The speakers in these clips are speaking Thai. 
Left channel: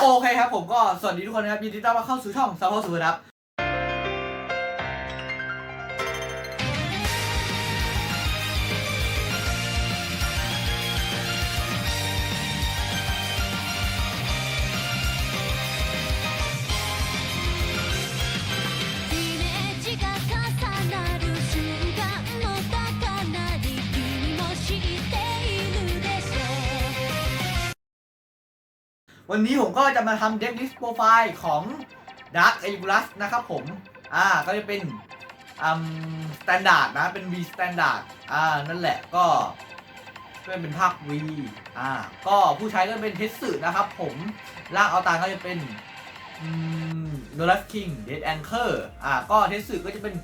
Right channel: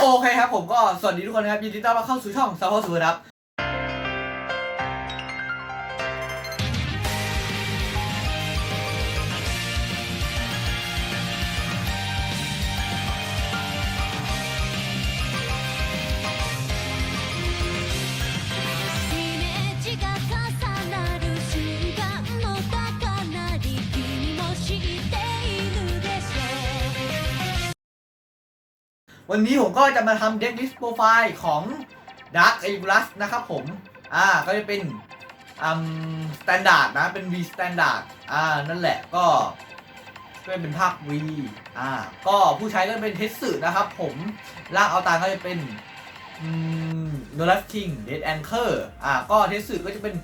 โอเคครับผมก็สวัสดีทุกคนนะครับยินดีต้อนรับเข้าสู่ช่องซาโฮสูครับ วันนี้ผมก็จะมาทำเด็กลิสต์โปรไฟล์ของ Dark e l i b r u s นะครับผม อ่า ก็จะเป็นอืมสแตนดาร์ดนะ เป็น V Standard อ่า นั่นแหละก็ก็เป็นภาค V อ่า ก็ผู้ใช้ก็เป็นเทสสึนะครับผมร่างเอาตาก็จะเป็นอืมโนลัสคิงเดดแองเกอร์อ่า ก็เทสสึก็จะเป็น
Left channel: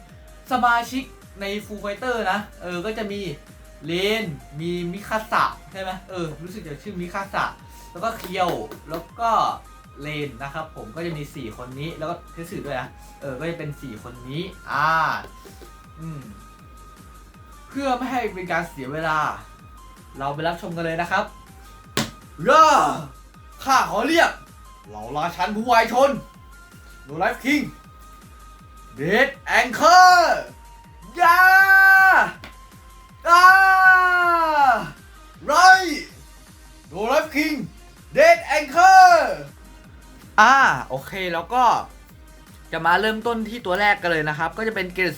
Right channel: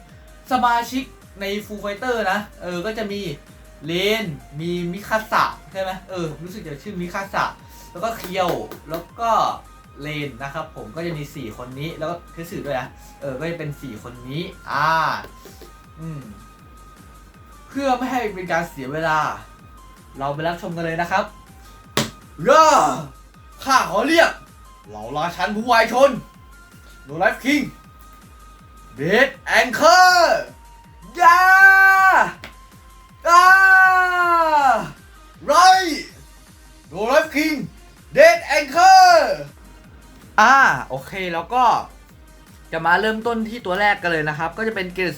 สมาชิกใน Full Fighter นะ เออ ก็จะมีเลน มีมิคาสะใช่ไหมเออ รู้สึกจะชื่อมิคาสะ แล้วก็เคียว แล้วก็เลนนะครับผมก็จะมี 4 คนนี้แล้วก็เทสสึด้วยนะเออก็จะเป็น 4 คนนี้อ่าอืมเพื่อไม่ให้เป็นการเสียเวลา เราไปรับชมกันเลยนะครับย่าข้าขอเรียก เหล่าราชันผู้วายชนโนไลฟ์คิงเดดแองเกอร์ยาอ่าไรโนไลฟ์คิง เดดแองเกอร์อ่าโอเคแล้วก็จะมาเริ่มต้นที่ตัวแรกกันเลยนะครับ ก็จะเป็นเกรด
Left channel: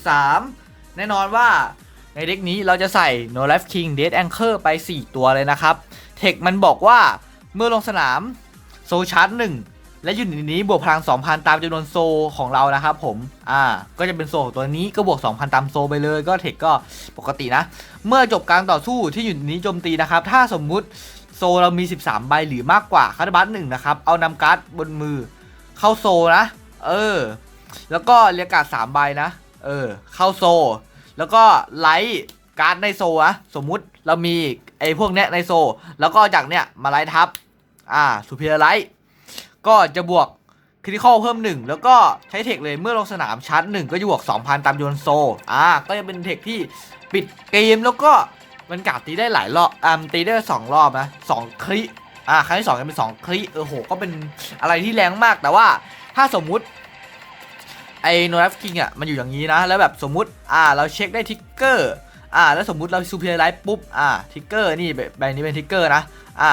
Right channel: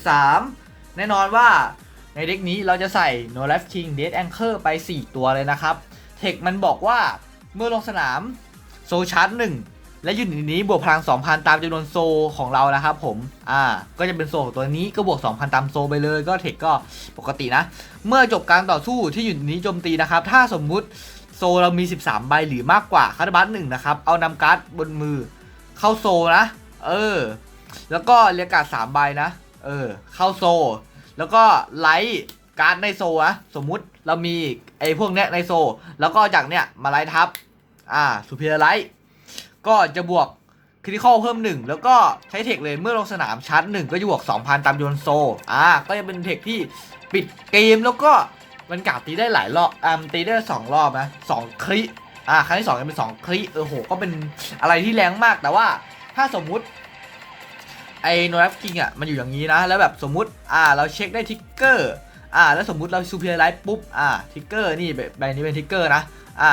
3 แน่นอนว่าในเด็กนี้เราจะใส่ No Life King Dead Anchor ไป 4 ตัวเลยนะครับ เทคมันบอกว่าเมื่อลงสนามโซชาร์จ1และยูนิตนี้บวกพลัง 2,000 ตามจำนวนโซของเรานะครับผม อ่า ก็จะเป็นโซของตัวนี้ก็บวก 2,000 ตามโซไปเลย ก็เทคก็ปกตินะ เมื่อจบการต่อสู้ที่ยูนิตนี้โจมตีนะครับ ถ้าสมมุติ โซเรามี 13 ใบหรือมากกว่าคาร์บัตหนึ่งนะครับ เอานำการ์ดบนมือ เข้าโซนะ เออ แล้วก็เรียกการ์ดสามใบนะ เออ เข้าโซ แล้วก็ไลท์การ์ดในโซนะสมมุติเรามีไอ้พวกเนี้ยในโซ แล้วก็จากเนี้ยมาไลท์ทับ อ่าสุพีไลท์ก็จะบวกคริติคอลเพิ่มหนึ่งแล้วก็ใช้เทคเลยเมื่อลงสนามชาร์จหนึ่งก็จะบวก 2,000 ตามโยนโซ อ่า ก็จะเป็นเทคที่ปิดเกมแล้วก็ มันกาดตีได้หลายรอบอ่าตีได้สองรอบนะสองคริอ่าครั้งที่สองจะเป็นสองคริเออโห ก็เป็นอะไรที่แรงมากแต่ว่าถ้าสมมุติไอโนรัฟคิงอะมันอยู่อย่างนี้นะ แล้วแบบสมมุติอ่าเราเช็คได้ทิกเกอร์อ่าแล้วสมมุติเราซูเปอร์ไลท์ปุ๊บอ่าทิกเกอร์นี่ใบนี้เป็นทิกเกอร์นะอ่า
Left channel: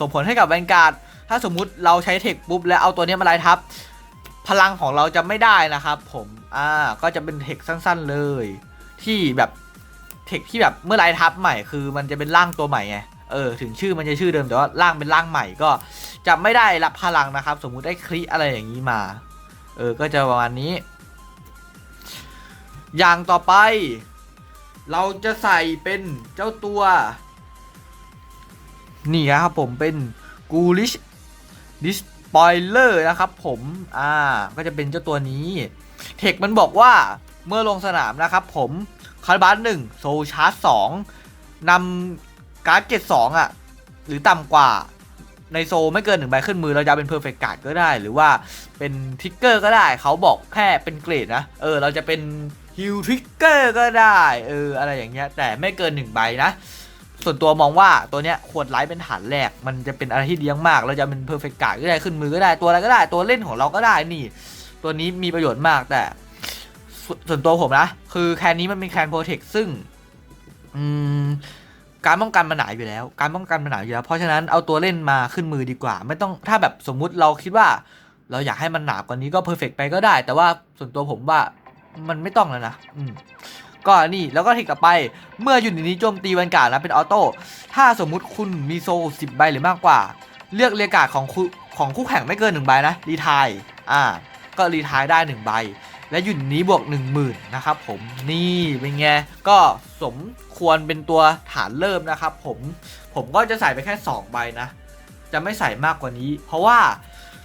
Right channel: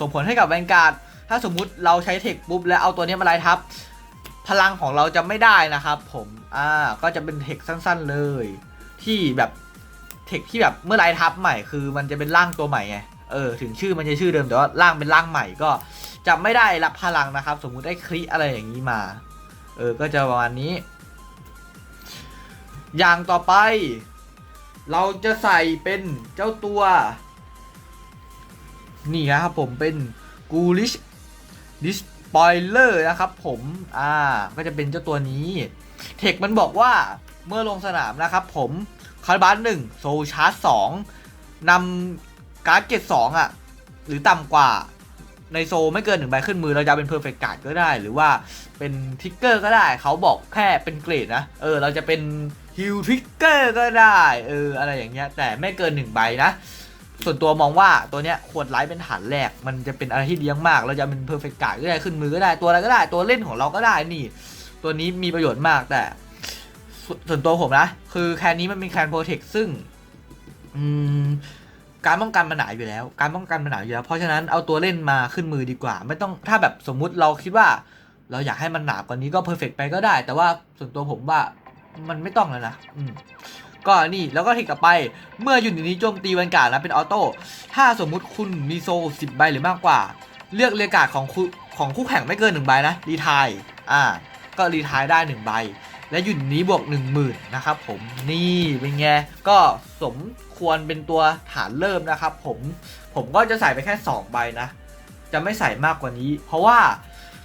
ส่งผลให้กับแวนการ์ดถ้าสมมุติเราใช้เทคปุ๊บแล้วเอาตัวนี้มาไลท์ทับ พลังของเราจะไม่ได้นะครับผมอ่าก็จะเป็นเทคสั้น ๆเลย ที่แบบ เทคที่แบบเมื่อไลทับใหม่คือมันจะเป็นร่างตัวใหม่ไงเออถึงชื่อมันจะชื่อเดิมแต่ว่าร่างเป็นร่างใหม่ก็จะไม่ได้รับพลังนะครับ สมมุติได้คลิอะไรอย่างนี้มา เออก็จะประมาณนี้ อย่างต่อไป เราจะใส่เป็นเจ้าตัว นี่นะครับผมเป็น Ghoulish Despoiler นะครับผม อ่า ก็จะเป็นเจ้าตัวนี้ เทคมันบอกว่าเมื่อลงสนามนะครับผม คาร์บัสหนึ่งโซชาร์จสองนำการ์ดเกตสองอะ หรือต่ำกว่าในโซไม่เกินหนึ่งใบขึ้นมือเราจะเป็นเพอร์เฟกต์การ์ดก็ได้ หรือว่าเป็นทิกเกอร์ก็ได้ เขาบอกแค่เป็นเกรดนะ เออ เราจะเป็นฮิลทิกเกอร์ก็ได้ เออ อะไรอย่างเงี้ย แต่ไม่เกินหนึ่งใบนะ ส่วนตัวมองว่าตัวเนี้ยควรไลฟ์เป็นฐานแรก มันจะเป็นอะไรที่เลี้ยงมาก เราจะเป็นเพอร์เฟกต์การ์ดก็ได้ขึ้นมือก็ได้ ตัวอะไรก็ได้ ตัวเล่นของเราก็ได้ นี่ ตัวนี้มีประโยชน์มากแต่ ส่วนตัวผมนะ คือแคนนี้มันเป็นแคนโปรเทคซึ่ง อืมการป้องกันมันหนาอยู่แล้ว การป้องกันมันหนาอยู่แล้ว เพราะฉะนั้นเอาตัวเล่นมาขึ้นมือดีกว่า ไม่ต้องถ้าแบบสมมุติเราคิดว่า เราอยากให้มันหนากว่านี้ก็เพอร์เฟกไปก็ได้ แต่ว่าส่วนตัวผมว่ามันไม่ต้องแล้วนะอืมก็นี่แล้วก็เทคกลับไปเมื่ออยู่ในนี้โจมตีแวนการ์ดนะเป็นออโต้ถ้าสมมุติคุณมีโซ่สิบใบหรือมากกว่า เลือกเรียกาดของคู่ของคู่แข่งไม่เกินหนึ่งใบนะรีทายอ่าก็รีทายได้หนึ่งใบ และอยู่นนี้บวก 1 0,000 นะครับผมนี่เป็นไงก็สมควรเป็นตัวฐานเริ่มนะครับผมผมก็จะใส่ไปแค่ 2 ใบนะ จะไม่ใส่มากกว่านี้ เพราะว่า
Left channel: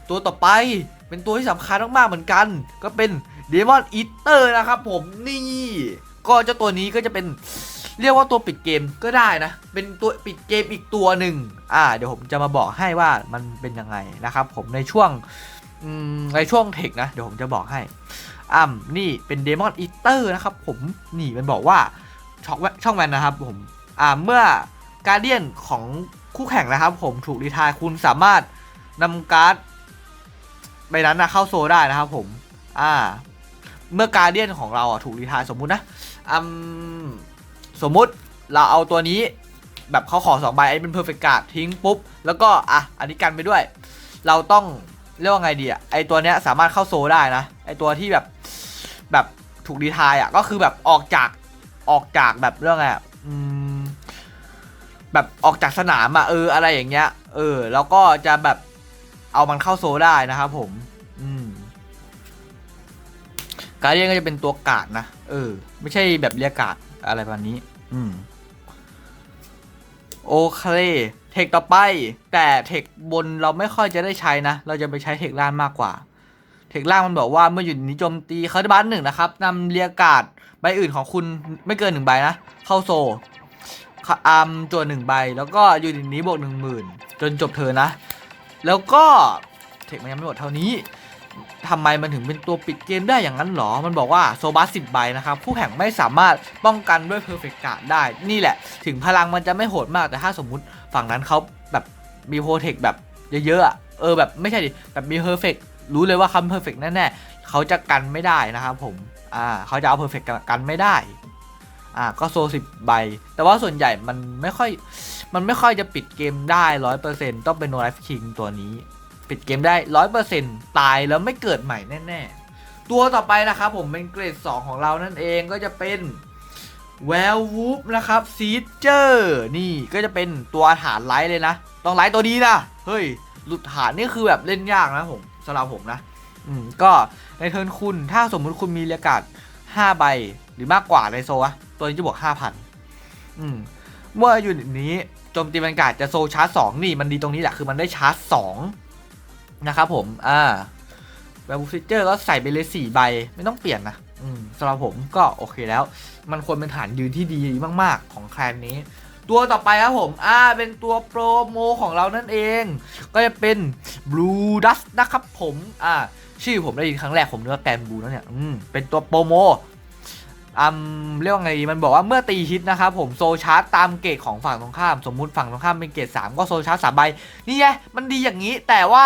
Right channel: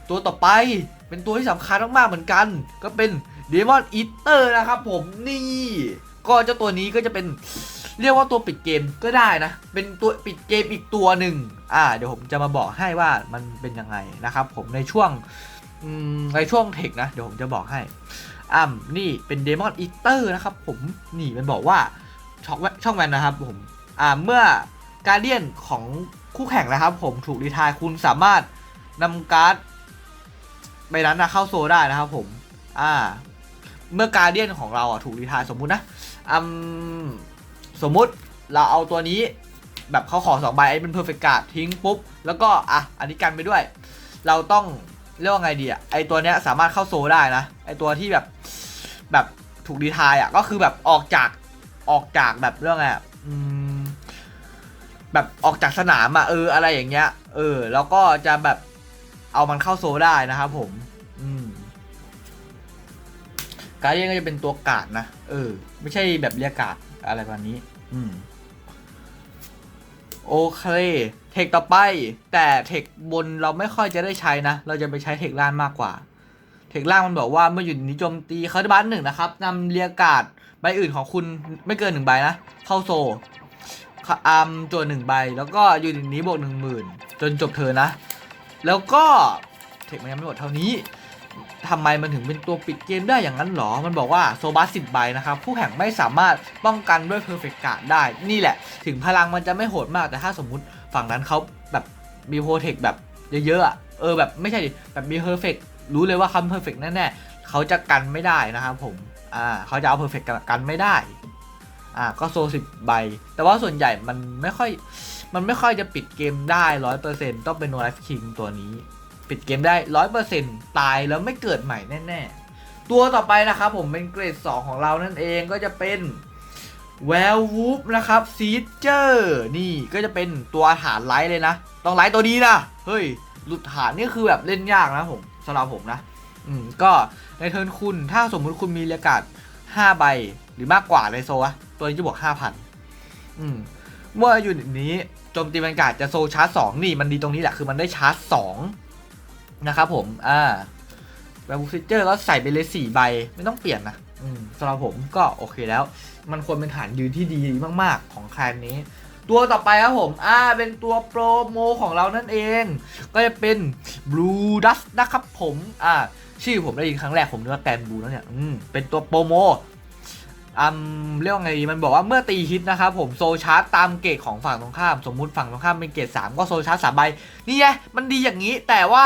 ตัวต่อไปเป็นตัวที่สำคัญมากๆเหมือนกัน ก็เป็น Demon Eater นะครับผมนี่ก็เจ้าตัวนี้ก็จะเป็นเรียกว่าตัวปิดเกมก็ได้นะ เป็นตัวปิดเกมอีกตัวหนึ่งอ่า เดี๋ยวผมจะมาบอกให้ว่ามันเป็นยังไงนะครับ ผมในช่วงในช่วงเทคนะ เดี๋ยวผมจะบอกให้ อ่ำนี่เป็นเดมอนอีเตอร์นะครับผมนี่มันบอกว่าช่องแช่องแวนนะครับผมอ่าเมื่อการเดียนของคู่แข่งนะครับ ผมถูกรีทายคุณสามารถนำการ์ดใบนั้นนะเข้าโซได้นะครับผมอ่าเมื่อการเดียนของเราอะถูกรีทายสมมุตินะอืมสมมุติเราเอาตัวนี้แบบเขาขอสองใบไอ้เป็นเพอร์เฟกต์การ์ดทิ้งปุ๊บ แล้วก็อะอันนี้กันไปด้วย เราต้อง เรียกว่าไงดีอะไอตัวเนี้ยสามารถเข้าโซได้นะ ไอตัวที่แบบแบบถูกรีทายอะก็คือแบบออกจากออกจากแบบเรื่องอะไรอะอืมแบบออกจากสนามอะเอออะไรอย่างเงี้ย เออ แล้วก็จะแบบเอามันเข้าโซได้นะครับผม อืมการเรียกก็จะเป็นตัวกาดนะ เออ ไม่ใช่แบบเรียกกาดอะไรแบบนี้ อืม โอเค เทคต่อไป แต่เทคบนเราไม่ค่อยจะได้ใช้นะ เราจะไปใช้เทคล่างมากกว่า เทคล่างมันบอกว่าเมื่ออยู่ในนิโจมตีเขาจะบันหนึ่งนะครับนำเรียกาดใบอื่นของคุณไม่เกินหนึ่งใบนะ เข้าโซอัมตัวหนึ่งใบ แล้วก็อยู่ในนี้บวกหนึ่งหมื่นจนจบเธอนะ แล้วก็เทคมันยังไม่หมดเท่านี้ทำไมมันถึงเป็นตัวปิดเกมได้อย่างนั้นหรอ มันบอกว่าโซบัสสิบใบนะครับ ผู้แข่งไม่สามารถป้องกันด้วยเพอร์เฟกต์กาดได้ นี่แหละ ถึงพลังมันจะไม่โหดมากแต่ถ้าสมมุติ ฝั่งนั้นเขาแบบมีโปรเทคแบบเยอะๆอะเออแบบไม่ใช่ดิแบบมีเพอร์เฟกรู้เลยว่าคำเพอร์เฟกแน่ๆเขาจะกันไม่ได้นะครับผมอ่าเขาจะเอาเพอร์เฟกกันไม่ได้อ่าก็โซสิบใบ แต่ว่าส่วนใหญ่มันไม่ค่อยมันไม่ค่อยจะปิดเกมได้ร้อยเปอร์เซ็นต์ต้องเป็นโนไลฟ์คิงตัวนี้ ปิดเกมได้ร้อยเปอร์เซ็นต์ตายแล้วไม่เกิดใหม่แน่ ๆ ตัวต่อไปนะครับผมเป็นเกรด 2 ของเรานั่นเองก็จะเป็น แวลวูฟนะครับซีเจอร์นี่ก็จะเป็นตัวฐานไลท์เลยนะ ต้องไลท์ตัวนี้นะ เฮ้ย หลุดฐานนี่คือแบบเล่นยากนะผมสำหรับผมนะ อืม ก็ในเทิร์นคุณถ้าสมมุติคุณมีเรียการ์ด5ใบ หรือมากกว่าในโซะตัวนี้จะบวก 5,000 อืม เมื่ออยู่นี้โจมตีบรรยากาศจะโซชาร์จสองนี่มันดีตรงนี้แหละ คือมันได้ชาร์จสองนะครับผมอ่าแล้วบูฟิเจอร์ก็ใส่ไปเลยสี่ใบไม่ต้องเปลี่ยนนะ สำหรับผมก็โอเคแล้ว มันควรเป็นฐานยืนที่ดีมาก ๆ ของแคนนี้ ตัวต่อไปครับผมอ่าเป็นตัวโปรโมของเรานั่นเอง ก็จะเป็น Blue Dust นะครับผมอ่าชื่อผมได้ยินครั้งแรกผมนึกว่าแกนบลูแล้วเนี่ยอืมเป็นตัวโปรโมอืมเรียกว่าไงมันบอกว่าเมื่อตีฮิตนะครับผมโซชาร์จตามเกรดของฝั่งตรงข้าม สมมุติฝั่งตรงข้ามเป็นเกรด3ก็โซชาร์จสามใบนี่ไงมันดีอย่างนี้แต่ว่า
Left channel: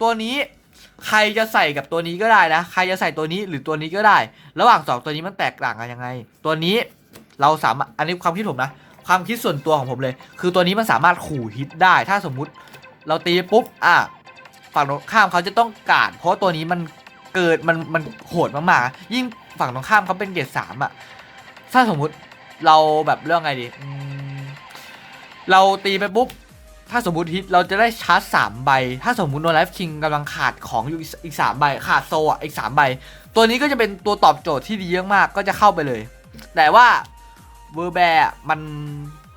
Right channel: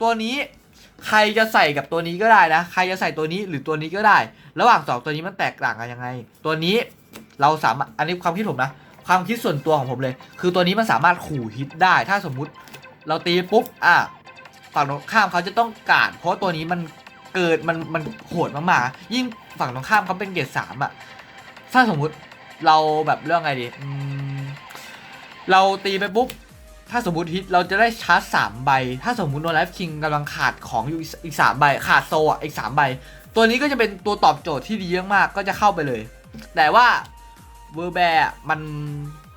ตัวนี้ ใครจะใส่กับตัวนี้ก็ได้นะ ใครจะใส่ตัวนี้หรือตัวนี้ก็ได้ ระหว่างสองตัวนี้มันแตกต่างกันยังไง ตัวนี้เราสามารถ อันนี้ความคิดผมนะ ความคิดส่วนตัวของผมเลย คือตัวนี้มันสามารถขู่ฮิตได้ ถ้าสมมุติเราตีปุ๊บ อะ ฝั่งตรงข้ามเขาจะต้องการ เพราะตัวนี้มันเกิดมันมันโหดมากๆ ยิ่งฝั่งตรงข้ามเขาเป็นเกรดสามอะถ้าสมมุติเราแบบเรื่องไงดี เราตีไปปุ๊บ ถ้าสมมติฮิตเราจะได้ชาร์จสามใบ ถ้าสมมติโนไลฟ์คิงกำลังขาดของอยู่อีกสามใบ ขาดโซอะอีกสามใบ ตัวนี้ก็จะเป็นตัวตอบโจทย์ที่ดีมากๆก็จะเข้าไปเลย แต่ว่าเวอร์แบร์มัน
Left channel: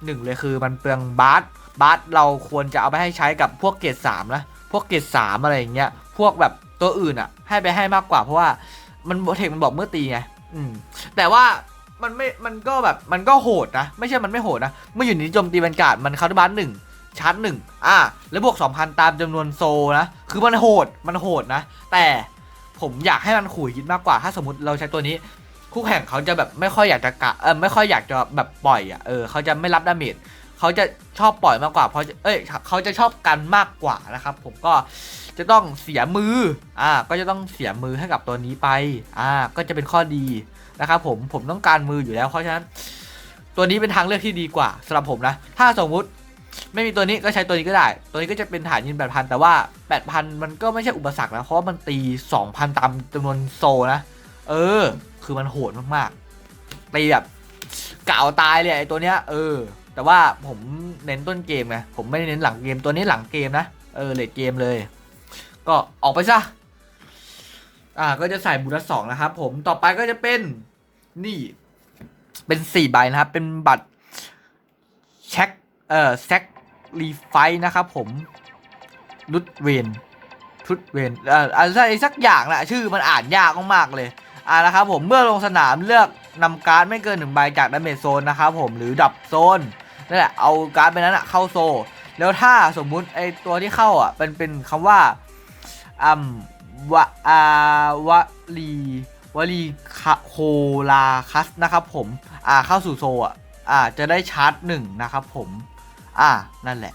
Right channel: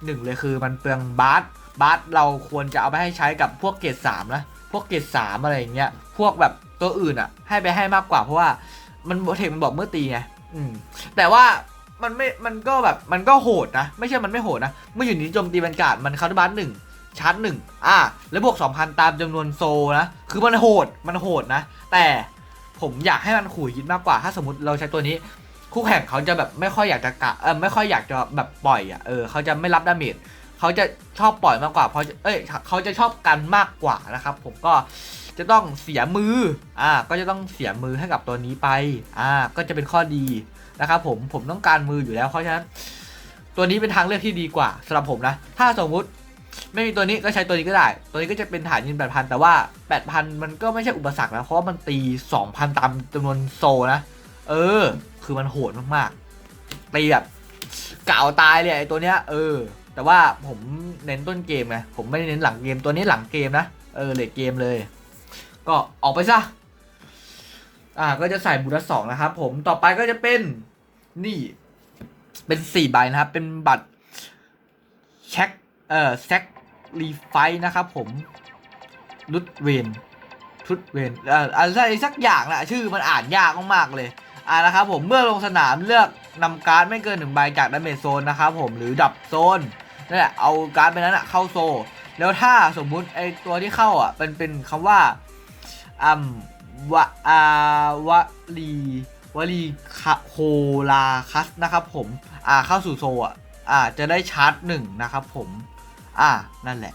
หนึ่งเลยคือมันเปลืองบาสบาร์สเราควรจะเอาไปให้ใช้กับพวกเกรดสามนะพวกเกรดสามอะไรอย่างเงี้ยพวกแบบตัวอื่นอะ ให้ไปให้มากกว่าเพราะว่ามันเทคมันบอกเมื่อตีไงอืมแต่ว่ามันไม่ มันก็แบบ มันก็โหดนะ ไม่ใช่ มันไม่โหดนะ เมื่ออยู่ในโจมตีบรรยากาศมันคาร์ดบัสหนึ่ง ชาร์จหนึ่งอ่าแล้วบวก 2,000 ตามจำนวนโซนะ คือมันโหด มันโหดนะ แต่ผมอยากให้มันขู่ยิดมากกว่า ถ้าสมมติเราใช้ตัวนี้ คู่แข่งเขาจะแบบไม่ค่อยอยากจะกะ เออไม่ค่อยอยากจะแบบปล่อยอะ เออเขาจะไม่รับดาเมจเขาจะชอบปล่อยมากกว่า เพราะ เอ้ยเขาจะชอบกันมากกว่านะครับ ผมก็จะต้องเสียมือ อ่า ก็จะต้องเสียมือให้กับตัวนี้ไป อ่า ก็จะเป็นข้อดีนะครับผม ผมต้องการมืออยู่แล้ว เพราะฉะนั้น ตัวนี้เป็นทางเลือกที่ดีกว่าสำหรับผมนะ ถ้าสมมุติ ไม่มีตัวนี้ก็ใช้ตัวนี้ก็ได้ ตัวนี้ก็จะเป็นฐานยิง8,000 แต่ว่า 8,000 มันก็ไม่ใช่อุปสรรคนะ เพราะว่ามันตี 2,000 ตามจำนวนโซนะ เออ คือมันโหดมากๆ ตีแบบกะเอาตายเลยไอ้ตัวเนี้ย เออ แต่ว่าผมเน้นต้นเกมไง ผมไม่ได้เน้นหลังเกม ตัวนี้หลังเกมนะ เออเลทเกมเลย ก็ออกไปซะ อ่า ก็จะใส่บูรัสสองนะครับผม ต่อไปก็จะเป็น นี่ เป็นสี่ใบนะครับ เป็นบัตร เช็ค เอ่อแซกรีไฟนะครับผมรุดเวนรุดเวนเอ่ออะไรสักอย่างแหละชื่อมันอ่านยากมากๆเลยอ่านะครับผมเมื่อลงสนามเลือกนำการ์ดไม่เกินหนึ่งใบจากดาเมจโซนนะครับผมหรือดับโซนนั่นแหละเอาการ์ดไปนั้นอะเข้าโซ แล้วถ้าสมมุติไอตัวที่เข้าอะเป็นเป็นคำว่าอัมวะอาวะลีวลีคาโคลาคัสนะครับผมอ่าเข้าสู่โซอะอ่าจะได้ชาร์จหนึ่งนะครับผม อ่านั่นแหละ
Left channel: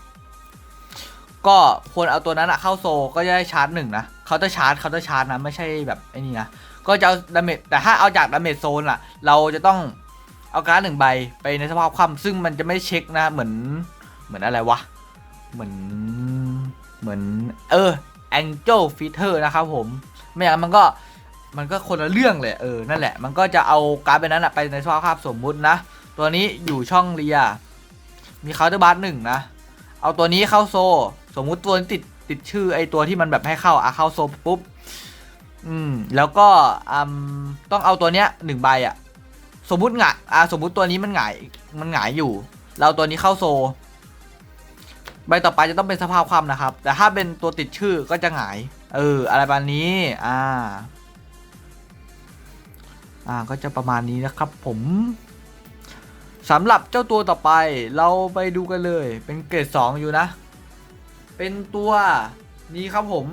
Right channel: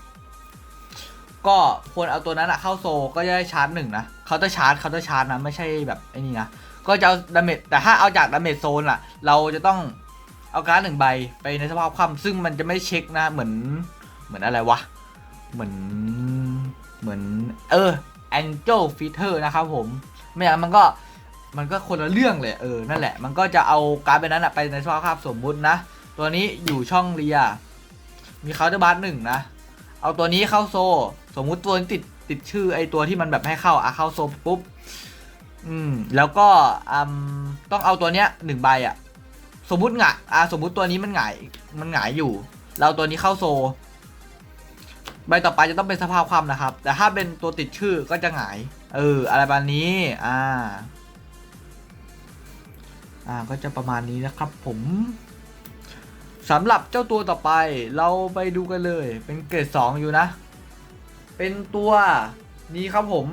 ก็ควรเอาตัวนั้นอะเข้าโซก็จะได้ชาร์จหนึ่งนะเขาจะชาร์จเขาจะชาร์จนะไม่ใช่แบบไอ้นี่นะก็จะเอาดาเมจแต่ถ้าเอาจากดาเมจโซนอะเราจะต้องเอาการ์ดหนึ่งใบไปในสภาพคว่ำซึ่งมันจะไม่เช็คนะเหมือนเหมือนอะไรวะ เหมือนเหมือน เออ Angel Fitter นะครับผมไม่อย่างนั้นมันก็มันก็คนละเรื่องเลยเออนั่นแหละ มันก็จะเอาการ์ดไปนั้นอะไปในสภาพคว่ำสมมุตินะ ตัวนี้อยู่ช่องเรีย มีเคาน์เตอร์บาร์หนึ่งนะ เอาตัวนี้เข้าโซ สมมุติตัวนี้ติดติดชื่อไอตัวที่มันแบบให้เข้าอะเข้าโซปุ๊บ อืม แล้วก็อืมต้องเอาตัวเนี้ยหนึ่งใบอะสมมุติหงายอ่าสมมุติตัวนี้มันหงายมันหงายอยู่ เราเอาตัวนี้เข้าโซ ใบต่อไปจะต้องเป็นสภาพความนะครับ แต่ถ้าเป็นตัวติดชื่อก็จะหงาย เออ อะไรประมาณนี้ อ่า อ่า ก็จะประมาณนี้นะครับผม สำหรับเจ้าตัวต่อไปเราไปดูกันเลย เป็นเกรดสองอยู่นะ เป็นตัวนี้ครับผม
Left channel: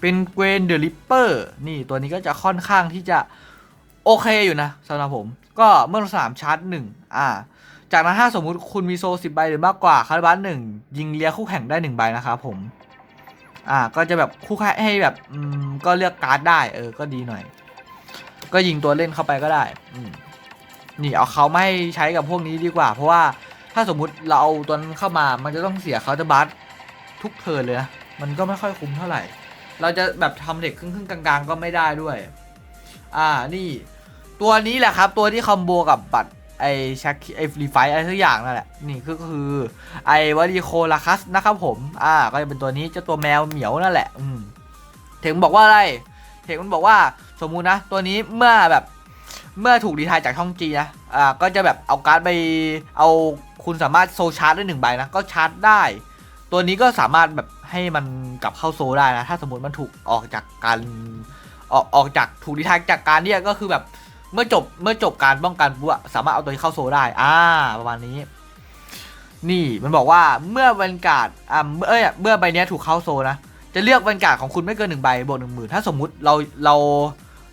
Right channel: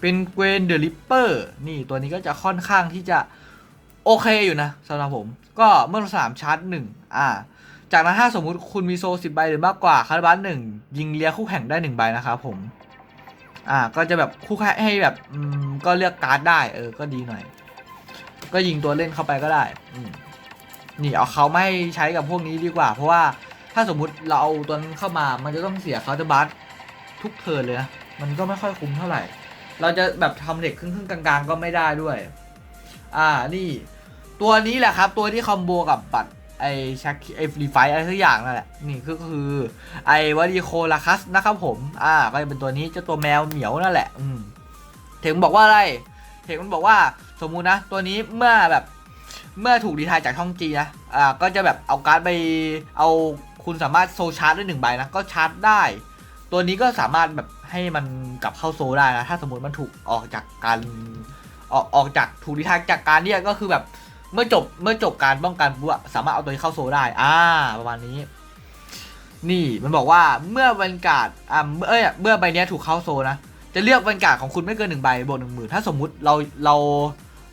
เป็นเกวนเดอะริปเปอร์นี่ตัวนี้ก็จะค่อนข้างที่จะโอเคอยู่นะสำหรับผมก็เมื่อสามชาร์จหนึ่งอ่า จากนั้นถ้าสมมุติคุณมีโซสิบใบหรือมากกว่าคาร์บัสหนึ่งยิงเลียคู่แข่งได้หนึ่งใบนะครับผม อ่าก็จะแบบคู่แข่งให้แบบอืมก็เลือกการ์ดได้เออก็ดีหน่อย ก็ยิงตัวเล่นเข้าไปก็ได้ อืม นี่เอาเขาไม่ให้ใช้กับพวกนี้ดีกว่า เพราะว่าถ้าสมมุติเราเอาตัวนั้นเข้ามา มันจะต้องเสียเคาน์เตอร์บัสทุกเทิร์นเลยนะมันก็ไม่ค่อยคุ้มเท่าไหร่ เราจะแบบทำเหล็กครึ่งๆกลางๆ ก็ไม่ได้ด้วย อ่านี่ตัวนี้แหละครับ ตัวที่คอมโบกับบัตรไอแช็คไอฟรีไฟอะไรทุกอย่างนั่นแหละ นี่ก็คือไอวาริโคลาคัสนะครับผม อ่า ก็จะเป็นตัวนี้เจ้าตัวแมวเหมียวนั่นแหละ อืมเทงบอกว่าอะไรเทงมันบอกว่าสมมุตินะ ตัวนี้เมื่อแบบ เมื่อถูกรีทายจากช่องจีนะอ่าก็จะแบบเอาการ์ดไปเอาคุณสามารถโซชาร์จได้หนึ่งใบนะก็ชาร์จได้ ตัวนี้ก็สามารถแบบให้มันกลับเข้าโซได้นะถ้าสมมติมันถูกออกจากการออกออกจากถูกรีทายจากการเนี่ยก็คือแบบเมื่อจบเมื่อจบการป้องกันปุ๊บอะสามารถเอาตัวนี้เข้าโซได้อ่าประมาณนี้ นี่มันบอกว่าเมื่อวันการ์ดอ่าเมื่อเอ้ยเมื่อใบนี้ถูกเข้าโซนะจะเลือกแวนการ์ดของคุณไม่เกินหนึ่งใบบวกหนึ่งหมื่นถ้าสมมุติเราเรา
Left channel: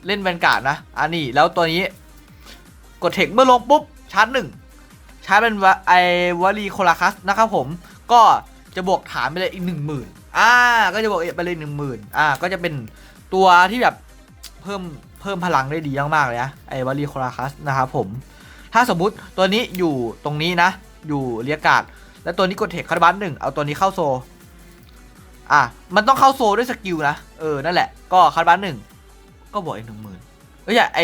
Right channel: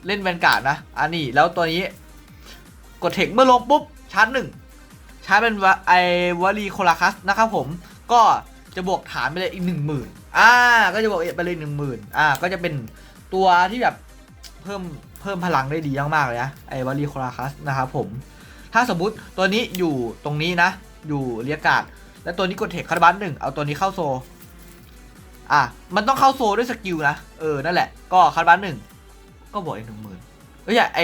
เล่นแวนการ์ดนะอันนี้แล้วตัวนี้ กดเทคเมื่อลงปุ๊บชาร์จหนึ่งชาร์จเป็นไอวารีโคลาคัสนะครับผมก็จะบวกฐานไปเลยอีกหนึ่งหมื่นอ่า ก็จะบวกไปเลยหนึ่งหมื่นอ่า ก็จะเป็นตัวที่แบบเพิ่มเพิ่มพลังได้ดีมากๆเลยนะไอวารีโคลาคัสนะครับผม ถ้าสมมุติตัวนี้อยู่ตรงนี้นะ อยู่เรียกาดแล้วตัวนี้กดเทคคาร์บันหนึ่งเอาตัวนี้เข้าโซ อะ มันต้องเข้าโซด้วยสกิลนะ เออ นั่นแหละ ก็คาร์บันหนึ่ง ก็บวกอีกหนึ่งหมื่นเอ้ยไอ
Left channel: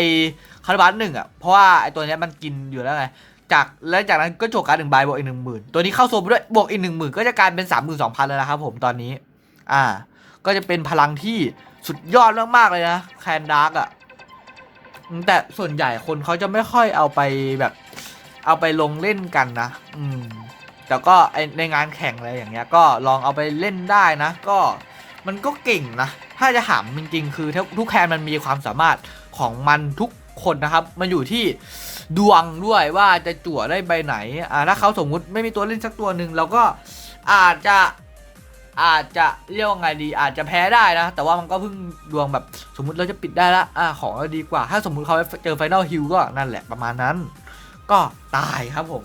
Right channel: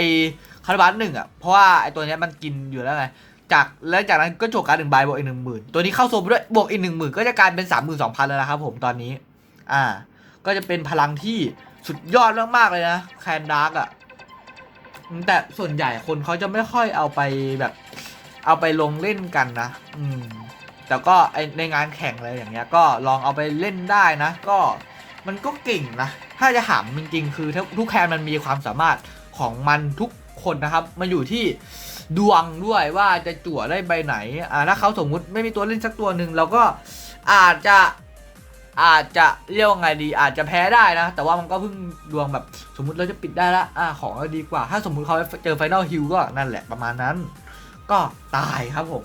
คาร์บันหนึ่งอะ เพราะว่าไอตัวเนี้ยมันกินอยู่แล้วไง จากแล้วจากนั้นก็จบการหนึ่งใบบวกอีกหนึ่งหมื่นตัวนี้เข้าโซไปด้วยบวกอีกหนึ่งหมื่นก็จะกลายเป็นสามหมื่นสองพันแล้วนะครับผมตอนนี้ อ่า ก็จะเป็นพลังที่สุดยอดมากๆเลยนะแคนดาร์กอะแต่ส่วนใหญ่คนเขาจะไม่ค่อยเอาไปแบบ เอาไปลงเล่นกันนะ อืมแต่ก็ในงานแข่งอะไรอย่างเงี้ย ก็ลองเอาไปเล่นได้นะ ก็ มันก็เก่งนะ ถ้าจะถามจริงๆคือทุกแคนมันมีความสามารถของมันทุกคนนะครับ มันอยู่ที่ดวงด้วยว่าจะจั่วได้ใบไหนอ่าถ้าเขาสมมุติไม่มีตัวเล่นสักตัวหนึ่งเราก็อาจจะอาจจะเรียกว่าไงดี อาจจะแพ้ได้นะ แต่ว่ามันก็เพิ่งดวงแบบสมมุติเราจะปิดได้ละอ่าของเราดีกว่า ถ้าสมมุติเขาเจอไฟนอลฮิลก็นั่นแหละประมาณนั้น ก็ตายครับผม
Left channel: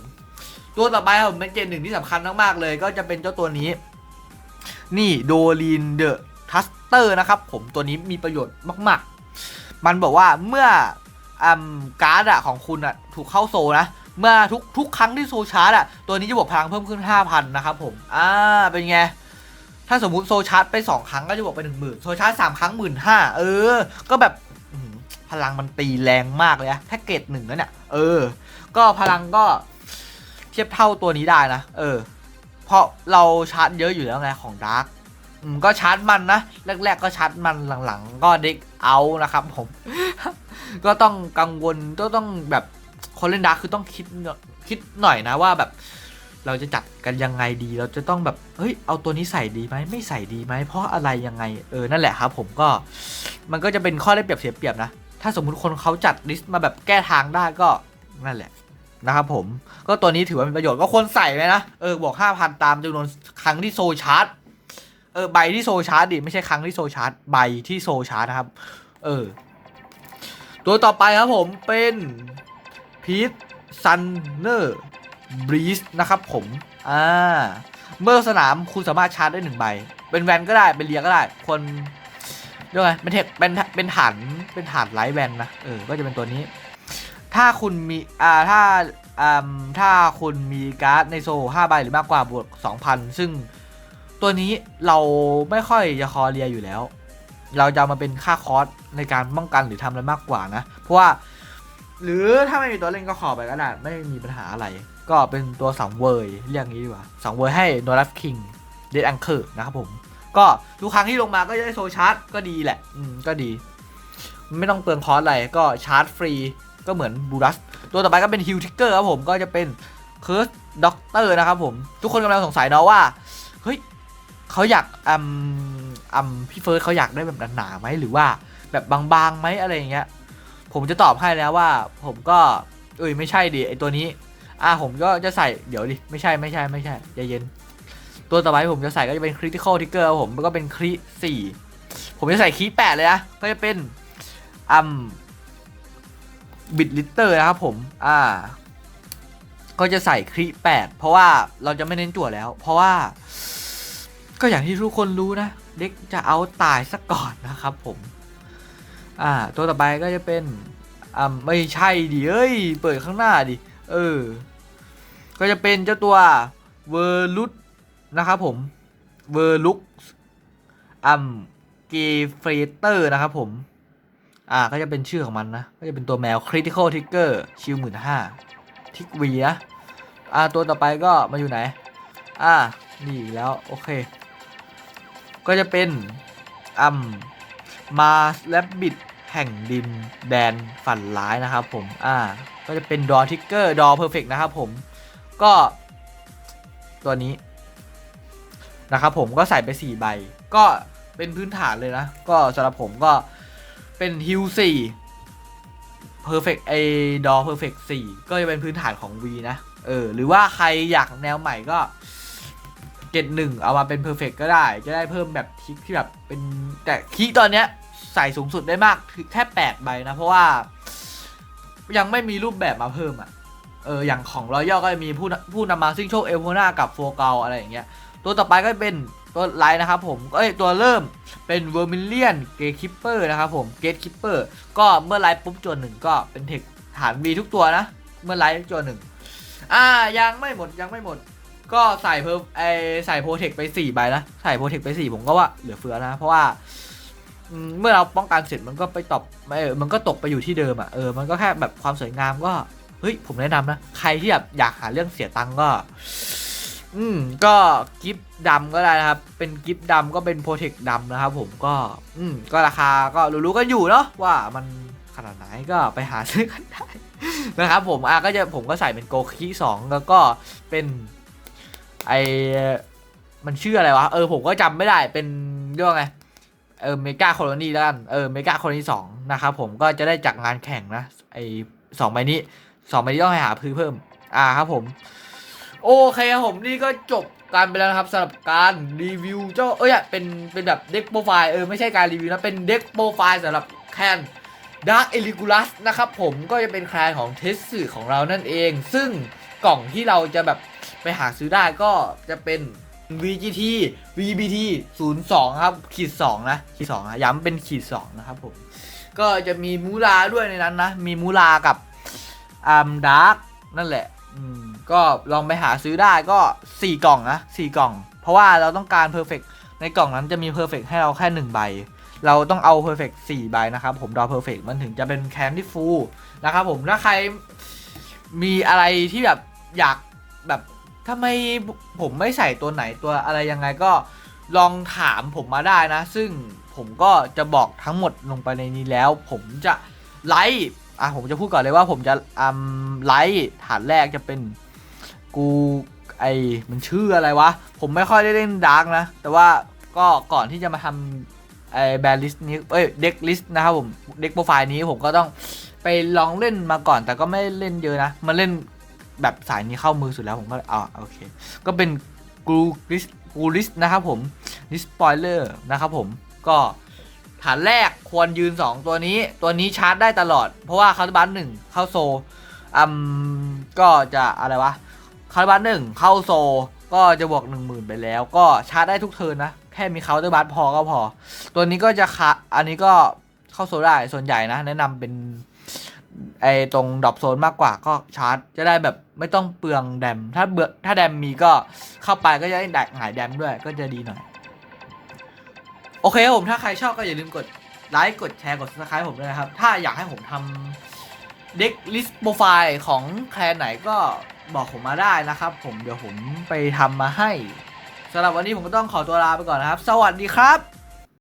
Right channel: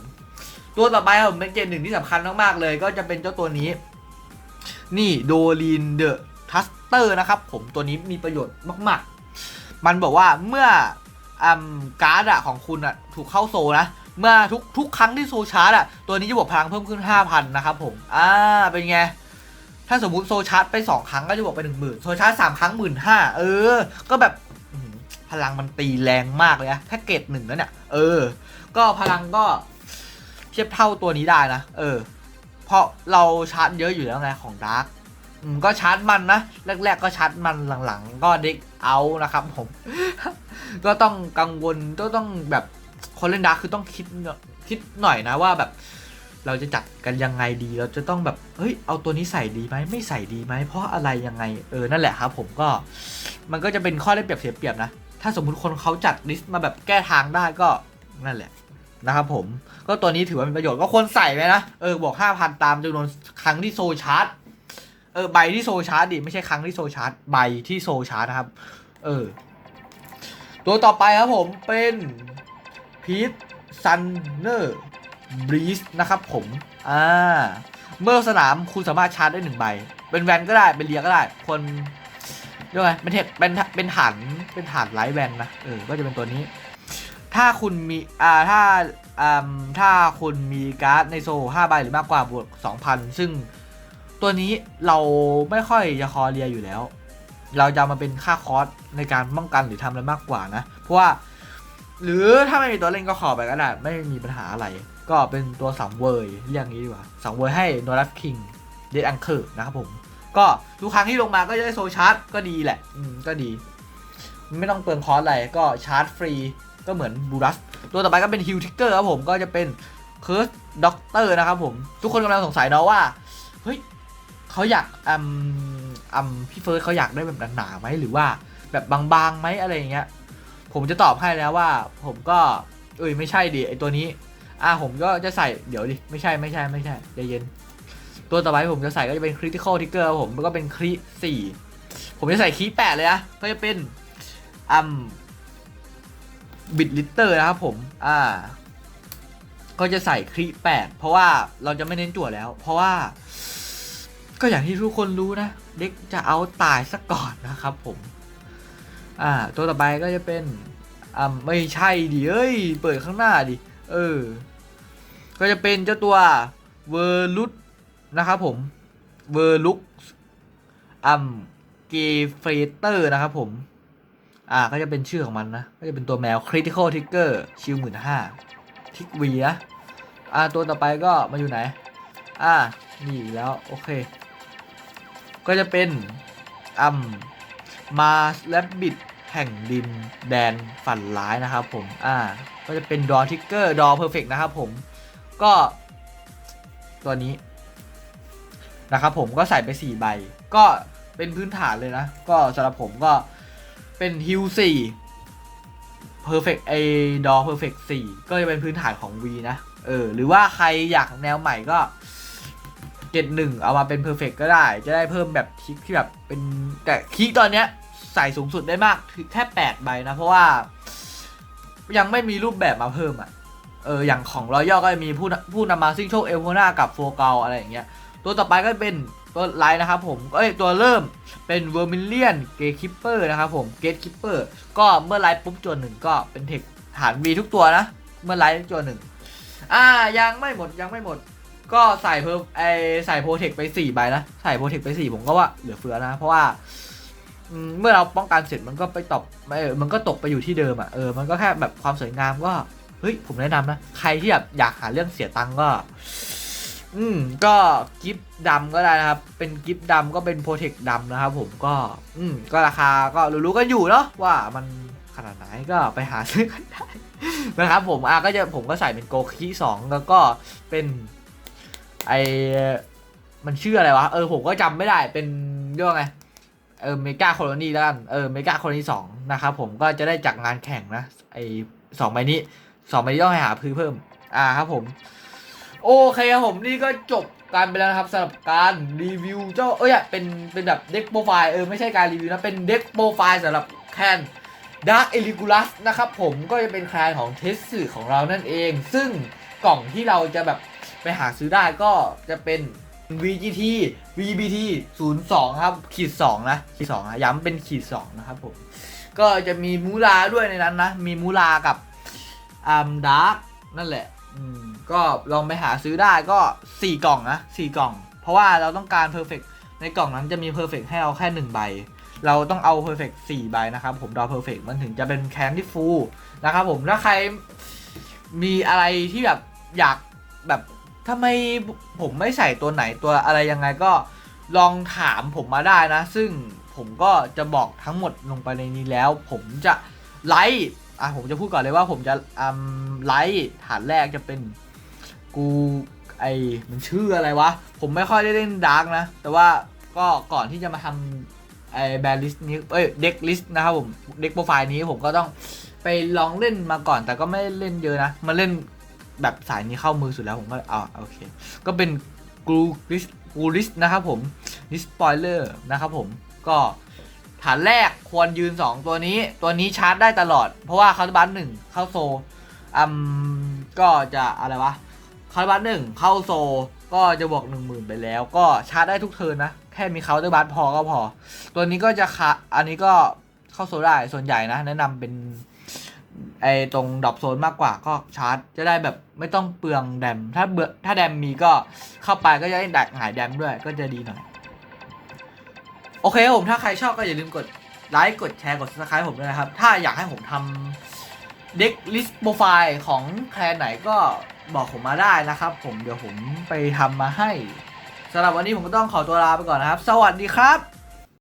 ตัวต่อไปครับผมเป็นเกมหนึ่งที่สำคัญมากๆเลย ก็จะเป็นเจ้าตัวนี้ นี่โดลินเดอะทัสเตอร์นะครับผมตัวนี้มีประโยชน์มาก ๆ มันบอกว่าเมื่ออการ์ดอะของคุณอะถูกเข้าโซนะ เมื่อทุกทุกครั้งที่โซชาร์จอะตัวนี้จะบวกพลังเพิ่มขึ้น 5,000 นะครับผม อ่า เป็นไง ถ้าสมมุติโซชาร์จไป 2 ครั้งก็จะบวกไป 1 0,000 โซชาร์จ3ครั้ง 1 5ื่นเออ ก็แบบพลังมันตีแรงมากเลยนะแค่เกรดหนึ่งแล้วเนี่ยเออ ก็พลังก็เทียบเท่าตัวนี้ได้นะ เออ เพราะเราชาร์จเยอะอยู่แล้วไงของดาร์กก็ชาร์จมันนะแรก ๆ ก็ชาร์จมันหลังๆ ก็เด็กเอานะครับผม ก็ต้องกังวลก็ต้องแบบคนเล่นดาร์กคือต้องคิดคิดหน่อยนะว่าแบบ เราจะจัดกันยังไงดี เราจะต้องแบบเฮ้ยเอาตัวนี้ใส่ดีไหมไม่ใส่ดีไหมเพราะอะไรยังไงเออนั่นแหละครับ ผมก็มันก็จะเป็นข้อได้เปรียบเสียเปรียบนะถ้าสมมุติคนเขาจัดลิสต์มาแบบแก้ทางได้ก็นั่นแหละ นะครับผมก็ตัวนี้ถือว่าเป็นประโยชน์ก็ควรใส่ไหมนะ เออ บอกห้าพันตามจำนวนครั้งที่โซลชาร์จเออใบที่โซลชาร์จดิไม่ใช่ครั้งที่โซลชาร์จใบที่โซลชาร์จนะครับ เออ ตัวต่อไปครับผมเป็นพีทซันเนอร์บรีสนะครับผมอ่าเมื่อสนามคุณสามารถชาร์จได้หนึ่งใบ เป็นแวนก็ได้เป็นเรียก็ได้ คนเรียกไงเป็นเทคเป็นเป็นฐานเป็นฐานไลท์แวนนะเออก็จะเป็นตัวนี้ ถ้าคุณมีอ่าถ้าอ่าถ้าคุณมีการ์ดในโซห้าใบหรือมากกว่าบวกสองพันซึ่งตัวนี้เราไม่ค่อยจะคอเรียอยู่แล้ว เราจะมาเป็นค่าคอสในการป้องกันหรือทำอะไรมากกว่านะ เพราะว่า หรือถ้าไม่มีตัวเล่นก็ขอไปก็ได้ไม่มีปัญหาอะไร ก็เป็นตัวสังเวยเรียกงี้ดีกว่าสังเวยให้โนรัฟคิงเดดอังเคิร์นะครับผมก็ทุกครั้งที่ลงมาก็จะได้โซชาร์จก็ดีแหละ อืม ก็ดี ไม่ต้องเปลืองคอร์สอะไรก็ชาร์จฟรี ก็เหมือนบูรัส ตัวต่อไปก็เป็นฮิลทิกเกอร์ครับผมก็จะเป็นเคิร์สด็อกเตอร์นะครับผม ทุกคนกำลังสงสัยเนาะว่า เฮ้ยเขาอยากอืมอืมพี่เฟิร์สเขาอยากได้แบบหนาๆไหมหรือว่าแบบบางๆไหมอะไรอย่างเงี้ยผมจะตอบให้แล้วว่า ผมก็เอ้ยไม่ใช่ดิไอตัวนี้อะผมก็จะใส่เดี๋ยวดิไม่ใช่ไม่ใช่ไม่ใช่ใจเย็น ตัวต่อไปผมจะใส่ก็จะเป็น critical trigger ครับผมก็เป็นคริสี่ผมจะใส่คีแปดเลยนะก็จะเป็นอืม บิดลิเตอร์นะครับผม อ่า ก็จะใส่คริแปดเพราะว่าเราจะไม่เน้นจั่วแล้ว เพราะว่า ก็อย่างที่ทุกคนรู้นะ เด็กจะเอาตายซะก่อนนะครับผม อ่า ตัวต่อไปก็จะเป็น อ่า ไม่ใช่ดิเอ้ย เปิดข้างหน้าดิ เออ ก็จะเป็นเจ้าตัวเวอร์ลุตนะครับผม เวอร์ลุกอัมเกเฟเตอร์นะครับผม อ่าก็จะเป็นชื่อของมันนะ ก็จะเป็นตัวแมว Critical Trigger ชิวหมื่นห้าทิกวีนะอ่าตัวต่อไปก็มาอยู่ไหน อ่านี่แล้ว โอเค ก็จะเป็นอัมมาแลบบิดแห่งดินแดนฝันร้ายนะครับผม อ่า ก็จะเป็นดอทิกเกอร์ดอเพอร์เฟกนะครับผม ก็ ตัวนี้ นะครับผมก็ใส่ไป 4 ใบ ก็เป็นพื้นฐานเลยนะ ก็สำหรับผมก็ เป็นฮิล4 Perfect ไอดอ Perfect 4ก็จะเป็นพื้นฐานของ V นะ เออ หรือว่าใครอยากแนวใหม่ก็เจ็ดหนึ่งเอามาเป็นเพอร์เฟกก็ได้ จะได้เพิ่มแบบคลิกที่แบบเป็นแต่คลิกตอนเนี้ยใส่สูงสุดได้มากแค่แปดใบนะ เพราะว่า ยังไม่มีรูปแบบมาเพิ่มอะ เออ อย่างของรอยัลก็จะมีผู้ผู้นำมาซิ่งโชคเอลโพนากับโฟเกลอะไรอย่างเงี้ย ตัวต่อไปก็เป็นตัวไลน์นะครับผมเอ้ยตัวเริ่ม เป็นเวอร์มิเลียนเกตคิปเปอร์นะครับผมเกตคิปเปอร์ก็เมื่อไลฟ์ปุ๊บจนหนึ่งก็เป็นเทคฐาน V ทุกตัวนะ เมื่อไลฟ์จนหนึ่งอ่ายังไม่หมดยังไม่หมด ก็ใส่เพิ่มไอใส่โปรเทคไป4ใบนะใส่โปรเทคไป4ผมก็ว่าเหลือเฟือนะ เพราะว่าเมื่อเราป้องกันเสร็จมันก็ไปตบไม่เออมันก็ตกไปอยู่ที่เดิมอะเออมันก็แค่แบบความสวยงามก็เฮ้ยผมแนะนำนะ ใครที่แบบอยากหาเรื่องเสียตังค์ก็ อืมก็กิฟต์ดำก็ได้นะครับ เป็นกิฟต์ดำก็เป็นโปรเทคดำนะครับผมก็ อืมก็ราคาก็รู้ๆกันอยู่เนาะว่ามันขนาดไหนก็ไปหาซื้อกันได้นะครับผมอะก็จะผมก็ใส่เป็นโกคีสองแล้วก็เป็นไอมันชื่ออะไรวะ เออผมก็จำไม่ได้เป็นเรียกว่าไงเออเมกาโคลนีแล้วกันเออเมกาโคลนีสองนะครับผมก็จะได้จากงานแข่งนะไอสองใบนี้สองใบนี้ต้องให้หาพื้นเพิ่ม อ่าครับผม โอเคครับผมนี่ก็จบการไปแล้วนะครับสำหรับการรีวิวเจ้าเอ้ยเป็นเป็นแบบเด็กโปรไฟล์เออไม่ใช่การรีวิวนะเป็นเด็กโปรไฟล์สำหรับแคนดาร์ e เอลิกูลัสนะครับผมก็จะเป็นแคลนของเทสสื่อของเรานั่นเอง ซึ่งกล่องที่เราจะแบบไปหาซื้อได้ก็จะเป็น VGT VBT 02 ครับ ขีด 2 นะขีด2นะย้ำเป็นขีด 2 นะครับผม ก็จะมีมูลาด้วยในนั้นนะ มีมูลากับอัมดาร์กนั่นแหละ อืมก็ลองไปหาซื้อได้ก็ 4 กล่องนะ4กล่อง เพราะว่าเราต้องการ Perfect ในกล่องนั้นจะมี Perfect ให้เราแค่ 1 ใบ เราต้องเอา Perfect 4ใบนะครับ ผมดอ Perfect มันถึงจะเป็นแคนที่ฟูลนะครับผมถ้าใครมีอะไรที่แบบอยากแบบทำไมผมไม่ใส่ตัวไหนตัวอะไรยังไงก็ลองถามผมมาได้นะ ซึ่งผมก็จะบอกทั้งหมดลงไปในนี้แล้ว ผมจะไลฟ์ อะผมจะพูดก่อนเลยว่าผมจะอืมไลฟ์ฐานแรกจะเป็นกูไอมันชื่ออะไรวะ ผมไม่ค่อยได้เล่นดาร์กนะ แต่ว่าก็ก่อนที่จะมาทำไอแบลิสนี้เอ้ยเด็กลิสนะครับผมเด็กโปรไฟล์นี้ผมก็ต้องไปลองเล่นมาก่อน แต่ก็ไม่เล่นเยอะนะ มาเล่นแบบสายนี้เข้ามือสุดแล้วผมก็อ่าโอเค ก็เป็นกูลิสกูลิสนะครับผมลิสปอยเลอร์นะครับผมก็ ฐานแรกควรยืน 2 ตัวนี้ ตัวนี้ชาร์จได้ตลอด เพราะว่าคาร์บันหนึ่งเข้าโซอืมก็จะอะไรวะคาร์บันหนึ่งเข้าโซก็จะบวก 1 0,000 ไปแล้ว ก็ชาร์จได้ทุกเทินนะ แค่มีเคาน์เตอร์บัสพอก็พอ ตัวนี้ก็จะคะอันนี้ก็เข้าโซได้ส่วนใหญ่นะ แนะนำเป็นไอตรงดรอปโซนมากกว่าก็ชาร์จ จะได้แบบไม่ต้องเปลืองแดม ถ้าเบื่อถ้าแดมมีก็เข้าไปก็จะได้หายแดมด้วยก็จะดีหน่อย โอเคครับผมถ้าใครชอบก็อย่าลืมกดไลค์กดแชร์กดซับสไครต์ผมด้วยนะครับ ถ้าอยากให้ผมทำเด็กลิสต์โปรไฟล์ของแคลนไหนก็บอกผมมาได้นะครับ ผมเดี๋ยวผมไปทำมาให้สำหรับวันนี้ผมก็ต้องขอตัวลาไปก่อนนะครับ สวัสดีครับ